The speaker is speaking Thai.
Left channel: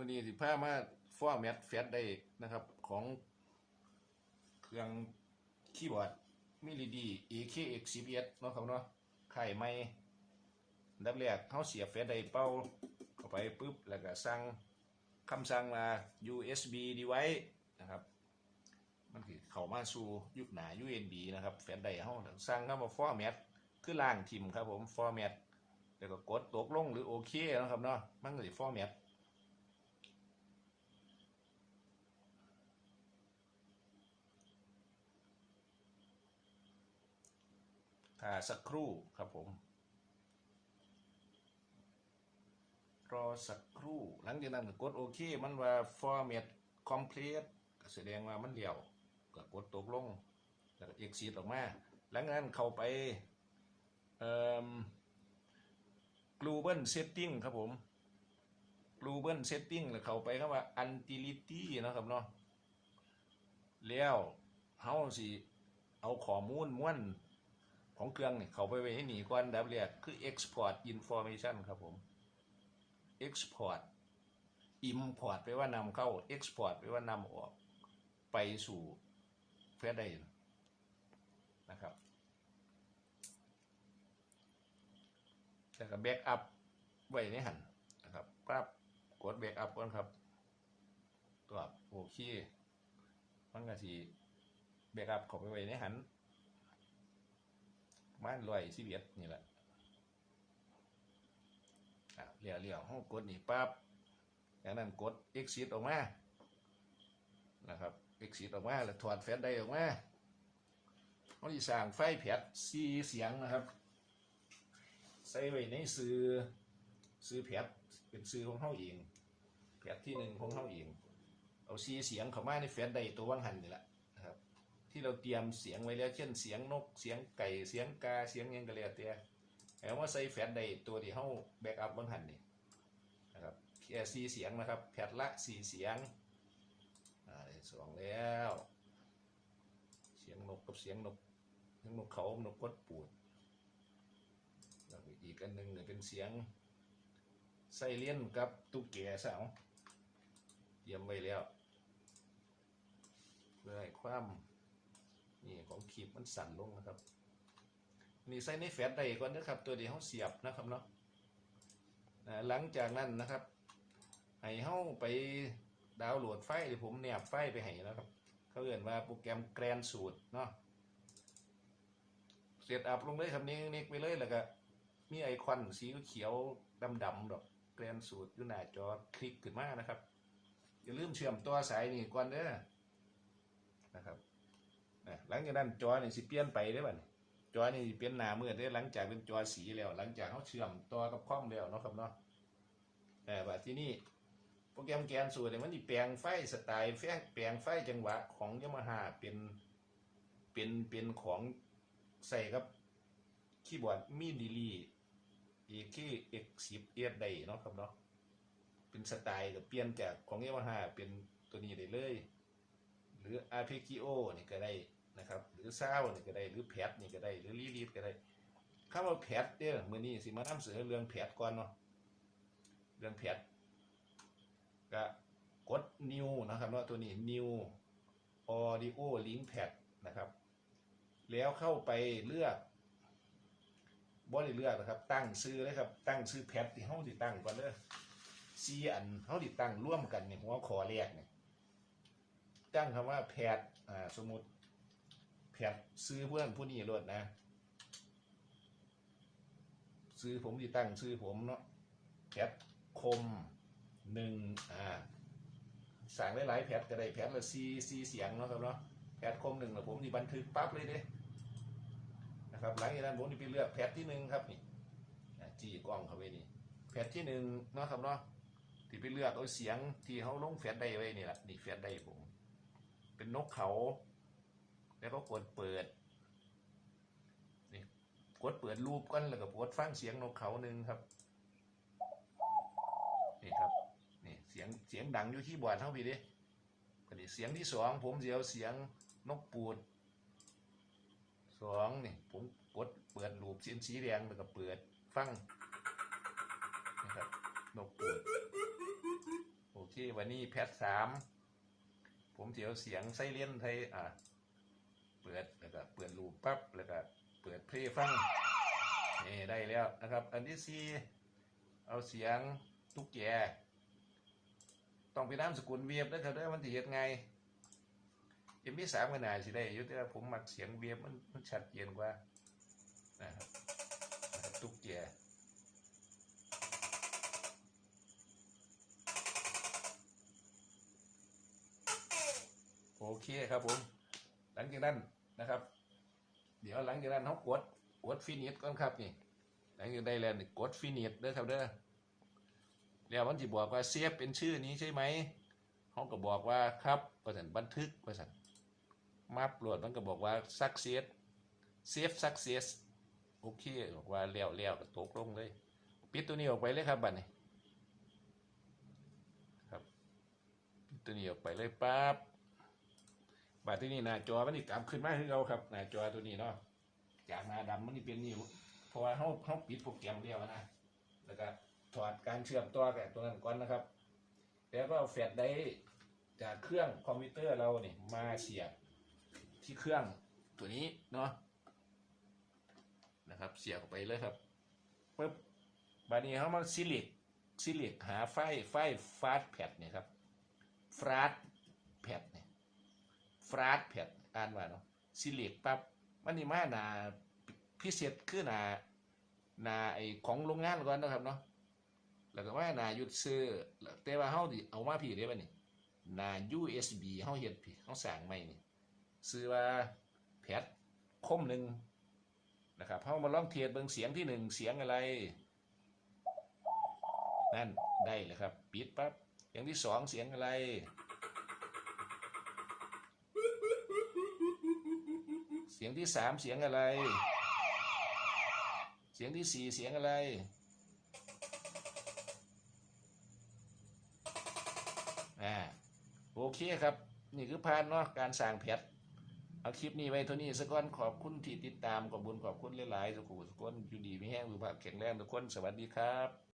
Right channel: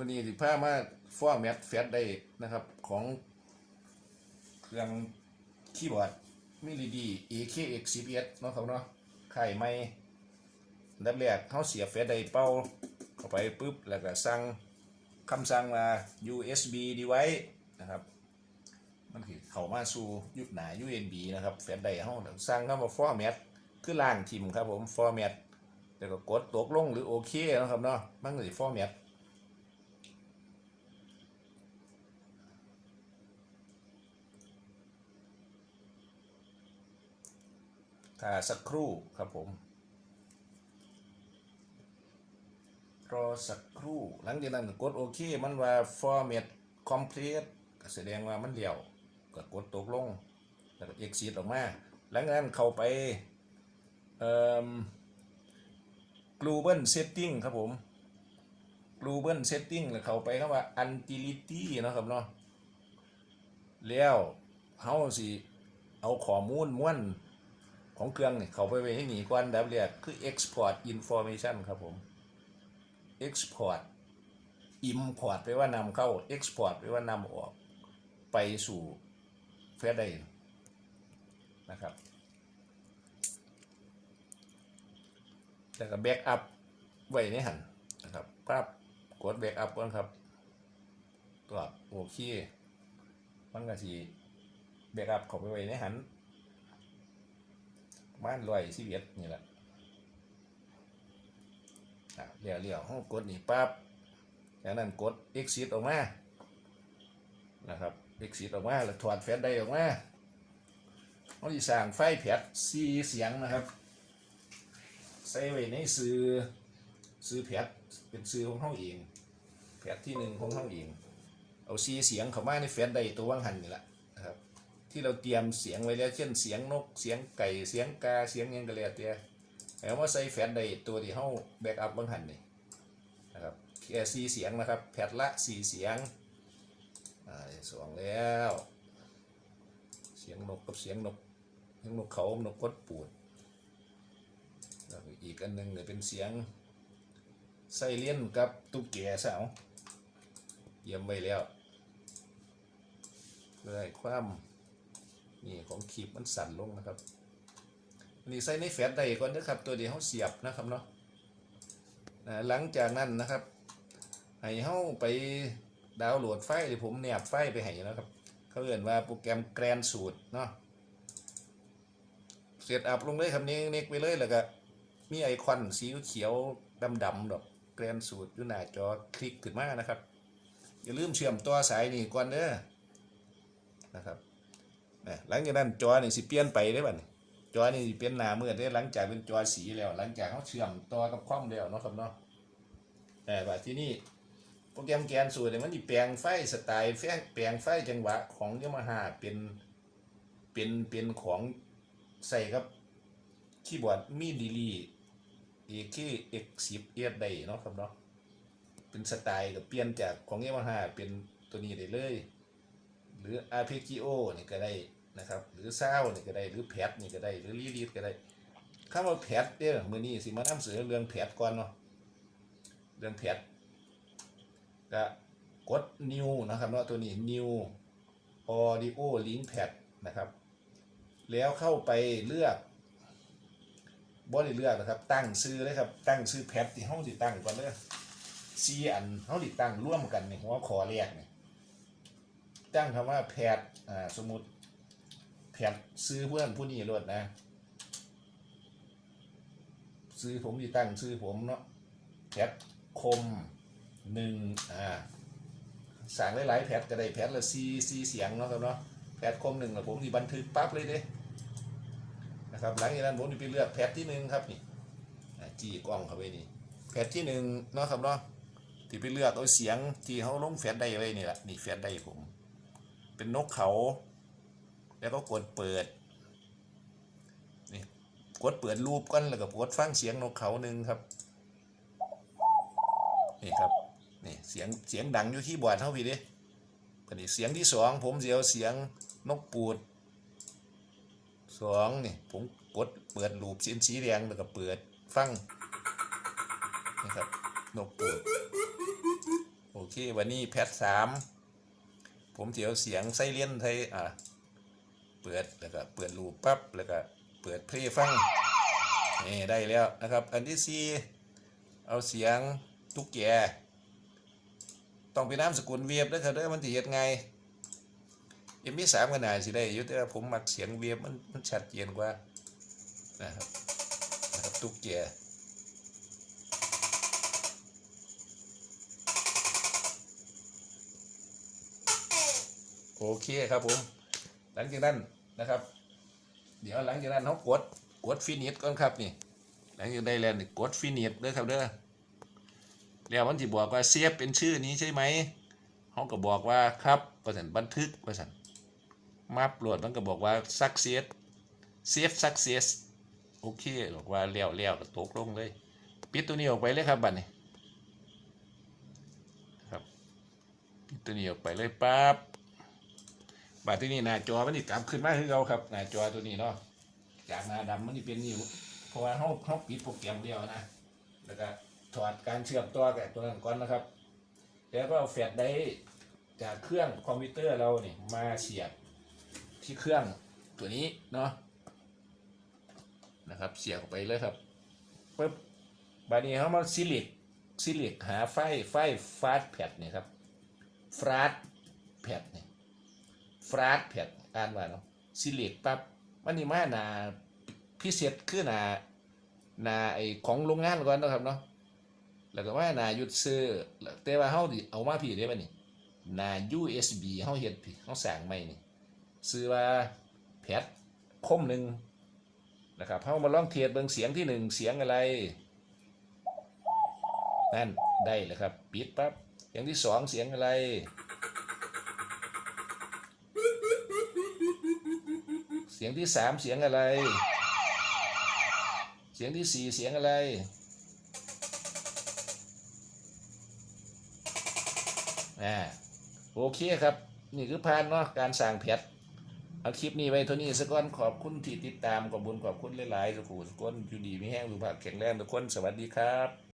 มื่อนี้สิพามาฟอร์แมตแฟตได้นะครับ ของเครื่องคีย์บอร์ดมิลิดี AKX 11เนาะครับเนาะไข่ไม่อันดับแรกเขาเสียบแฟตได้เป้าเข้าไปปุ๊บ แล้วก็สั่งคำสั่งมา USB device นะครับ มันคือเข้ามาสู่ยุคหนา USB นะครับ แฟตได้เขาสั่งเข้ามาฟอร์แมตคือล่างทิมครับผมฟอร์แมตแล้วก็กดตกลงหรือโอเคนะครับเนาะมันก็สิฟอร์แมต ถ้าสักครู่ครับผม รอสักครู่หลังจากนั้นกดโอเคมันว่า format complete ก็แสดงว่ามันเลี้ยวก็กดตกลงแล้วก็ exit ออกมาหลังจากนั้นเข้าไปเอ่อ global setting ครับผม global setting แล้วเข้าไปคำว่า utility นะครับเนาะแล้วเฮาสิเอาข้อมูลม้วน ของเครื่องเนี่ยเขาไปไว้ให้หนีก่อนดับเรียกคือ export information ครับผม export import ไปว่านำเข้า export ไปว่านำออกไปสู่เฟซได้นะครับ แล้วก็ backup ไว้ในหันนะครับปั๊บกด backup ก่อนครับตัวโอเคมันก็สิ backup เข้าไปไว้ในหัน มาณร้อยสิบเอ็ดนี่แหละเลี้ยวเลี้ยวห้องกดนี่ปั๊บจากนั้นกด exit ออกมา นะครับ exit ออกมา แล้วถอดแฟลชไดออกมาเขาจะสั่งไฟแผดซีเสียงนะครับ ใส่ไว้ในซื้อซื้อแผดเป็นซื้อของเขาเองแผดที่หนึ่งของเขาเอง เอาซีเสียงเข้ามาในแฟลชไดตัวว่างหันนี่แหละ ที่เราเตรียมเสียงไว้แล้วเช่นเสียงนกเสียงไก่เสียงกาเสียงยังก็แล้วแต่แล้วมาใส่แฟลชไดตัวที่เฮาแบ็กอัพบางหันนี่นะครับแค่สี่เสียงนะครับแพทละสี่เสียงอ่าสองแล้ว เสียงนกกับเสียงนกเสียงนกเขานกกดปูดแล้วอีกอันหนึ่งเนี่ยเป็นเสียงไซเลียนกับตุ๊กแกสาวเตรียมไว้แล้วเพื่อให้ความ นี่ของขีบมันสั่นลงนะครับนี่ใส่ในแฟลชได้ก่อนนะครับ ตัวเดียวเขาเสียบนะครับเนาะนะหลังจากนั้นนะครับให้เข้าไปดาวน์โหลดไฟล์หรือผมแนบไฟล์ไปให้นะครับ เขาเรียกว่าโปรแกรมแกรนสูตรเนาะเสร็จอัพลงเลยครับนี้เน็กไปเลยแล้วก็มีไอคอนสีเขียวดำๆดอกแกรนสูตรอยู่หน้าจอคลิกขึ้นมานะครับ อย่าลืมเชื่อมตัวสายนี่ก่อนเด้อนะครับ หลังจากนั้นจอนี่สิเปลี่ยนไปได้ป่ะนี่จอนี่เปลี่ยนหน้ามืดได้หลังจากเป็นจอสีแล้ว หลังจากเขาเชื่อมต่อกับคอมแล้วเนาะครับเนาะแต่ว่าที่นี่โปรแกรมแกนสูตรเนี่ยมันสิแปลงไฟสไตล์แฟแปลงไฟจังหวะของยามาฮ่าเป็นเป็นเป็นของใส่กับคีย์บอร์ดมีดีลี AKX10 เอได้เนาะครับเนาะเป็นสไตล์กับเปลี่ยนจากของยามาฮ่าเป็นตัวนี้ได้เลย หรือ r p g o นี่ก็ได้ นะครับ หรือซานี่ก็ได้ หรือแพดนี่ก็ได้ หรือลีลีดก็ได้คำว่าแพดเนี่ยมือนี้สิมานำเสนอเรื่องแพดก่อนเนาะเรื่องแพดก็กด new นะครับเนาะตัวนี้ new audio link pad นะครับ แล้วเข้าไปเลือกบ่ได้เลือกนะครับตั้งชื่อเลยครับตั้งชื่อแพดที่เฮาสิดตั้งก่อนเด้อซีอันเฮาสิดตั้งร่วมกันนี่หัวข้อแรกเนี่ยตั้งคำว่าแพทย์อ่าสมมติ แพทย์ซื้อเพื่อนผู้นี้รถนะ ซื้อผมที่ตั้งซื้อผมเนาะแพทคมหนึ่งอ่าสั่งหลายๆแพทก็ได้แพทละซีซีเสียงเนาะครับเนาะแพทคมหนึ่งละผมที่บันทึกปั๊บเลยเด้นะครับหลังจากนั้นผมจะไปเลือกแพทที่หนึ่งครับนี่จี้กล้องเข้าไปนี่แพทที่หนึ่งเนาะครับเนาะที่ไปเลือกเอาเสียงที่เขาลงแฟลได้ไว้นี่แหละนี่แฟลได้ผม เป็นนกเขา แล้วก็กดเปิดนี่กดเปิดรูปก่อนแล้วก็กดฟังเสียงนกเขาหนึ่งครับนี่ครับนี่เสียงเสียงดังอยู่ที่บอร์ดเท่าพี่ดิอันนี้เสียงที่สองผมเสียวเสียงนกปูดสองนี่ผมกดเปิดรูปสีสีแดงแล้วก็เปิดฟังนี่ครับนกปูดโอเควันนี้แพทสามผมเสียวเสียงไส้เลียนไทยอ่า ปิดแล้วก็เปิดรูปปั๊บแล้วก็เปิดเพลงฟังนี่ได้แล้วนะครับ อันที่สี่เอาเสียงตุ๊กแกต้องไปนามสกุลเวียบนะครับเด้อมันสิเฮ็ดไงเอ็มพีสามก็น่าสิได้อยู่แต่ว่าผมมักเสียงเวียบมันมันชัดเจนกว่านะครับนะครับตุ๊กแกโอเคครับผม หลังจากนั้น นะครับ เดี๋ยวหลังจากนั้นเขากดกดฟินิชก่อนครับนี่ หลังจากได้แล้วนี่กดฟินิชเด้อครับเด้อแล้วมันจะบอกว่าเสียบเป็นชื่อนี้ใช่ไหมเขาก็บอกว่าครับประสันบันทึกประสันมาปลดมันก็บอกว่า success save success โอเคบอกว่าเลี้ยวเลี้ยวก็ตกลงเลย ปิดตัวนี้ออกไปเลยครับบัดนี้ครับปิดตัวนี้ออกไปเลยปั๊บ บาที่นี่หน้าจอมันนี่กลับขึ้นมาคือเราครับหน้าจอตัวนี้เนาะจากหน้าดำมันนี่เป็นนิ้วเพราะว่าเขาเขาปิดโปรแกรมเดียวนะแล้วก็ถอดการเชื่อมต่อกับตัวนั้นก่อนนะครับ แล้วก็เอาแฟลชไดร์จากเครื่องคอมพิวเตอร์เรานี่มาเสียบที่เครื่องตัวนี้เนาะนะครับ เสียบไปเลยครับปึ๊บบานี้เขามาซิลิกซิลิกหาไฟไฟฟาสแพดนี่ครับฟาสแพดน ฟราดแพดอ่านว่าเนาะซิลิกปั๊บมันนี่มาหนาพิเศษคือหนาหนาไอของโรงงานก่อนนะครับเนาะแล้วก็ว่าหนาหยุดซื้อแต่ว่าเฮาดิเอามาพี่ได้ป่ะนี่หนา USB เฮาเฮ็ดพี่เฮาสั่งใหม่นี่ซื้อว่าแพดคมหนึ่งนะครับเฮามาลองเทียบเบิ่งเสียงที่หนึ่งเสียงอะไรนั่นได้เลยครับปิดปั๊บเสียงที่สองเสียงอะไร เสียงที่สามเสียงอะไร เสียงที่สี่เสียงอะไร อ่า โอเคครับ นี่คือพานเนาะการสั่งแพทเอาคลิปนี้ไว้เท่านี้สักก่อนขอบคุณที่ติดตามขอบคุญขอบคุณหลายๆสุขุสุขคนอยู่ดีไม่แห้งสุขภาพแข็งแรงทุกคนสวัสดีครับ